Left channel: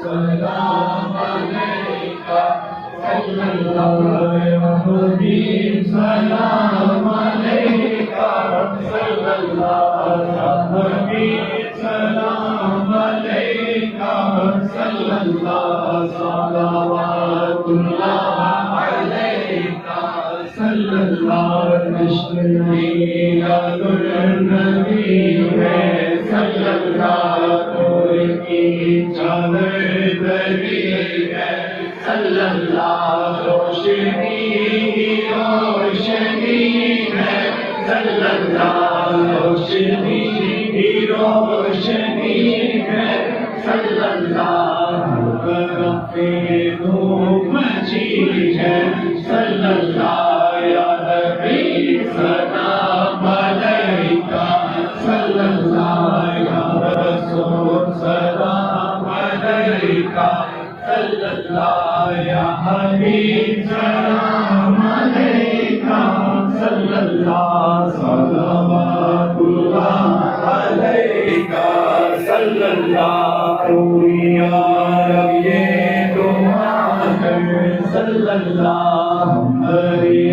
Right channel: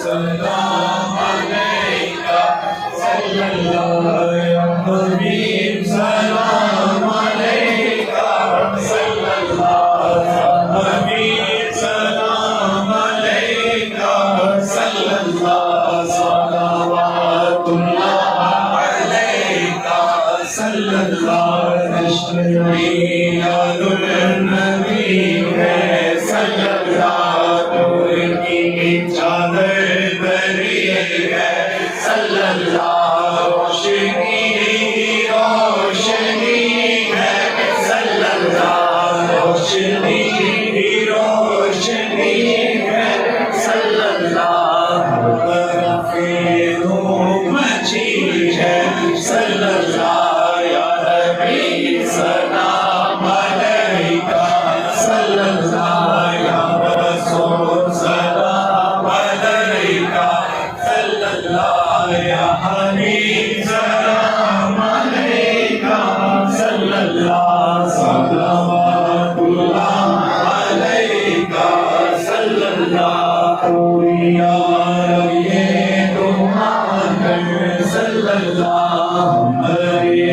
सलाम अलैका सल्लल्लाहु या हबीब सलाम अलैका सल्लल्लाहु या हबीब सलाम अलैका सल्लल्लाहु सलावतुल्लाह अलैका सल्लल्लाहु अशरफुल नबी है सल्लल्लाहु की चादर बरी है सल्लल्लाहु रोशनी रोशनी है सल्लल्लाहु रोशनी रोशनी है सल्लल्लाहु धूप मची है सल्लल्लाहु या हबीब सलाम अलैका सल्लल्लाहु या रसूल सलाम अलैका सल्लल्लाहु या हबीब सलाम अलैका सल्लल्लाहु सलावतुल्लाह अलैका सल्लल्लाहु या रब ये दुआ कर सल्लल्लाहु अरे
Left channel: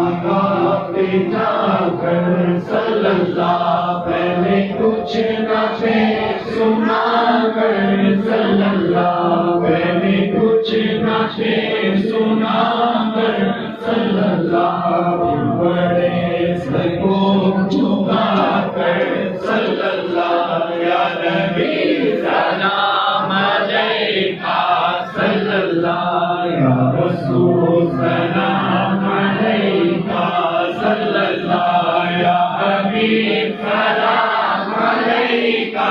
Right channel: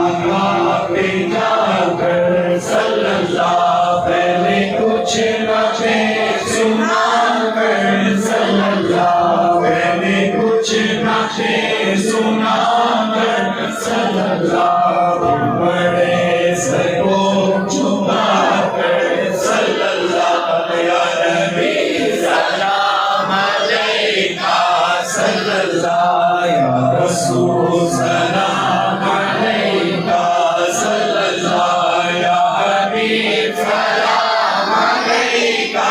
आका पे जाकर सल्लल्लाहु पहले कुछ न थे सुना कर सल्लल्लाहु पहले कुछ न थे सुना कर सल्लल्लाहु बड़े सको झुका कर सल्लल्लाहु या नबी सलाम अलैका सल्लल्लाहु या रसूल सलाम अलैका सल्लल्लाहु या हबीब सलाम अलैका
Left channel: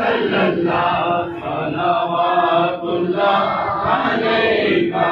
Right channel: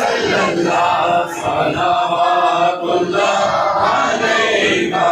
सल्लल्लाहु सलावतुल्लाह अलैका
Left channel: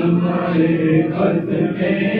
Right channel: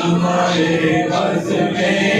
शम्मा-ए-अर्ज़ में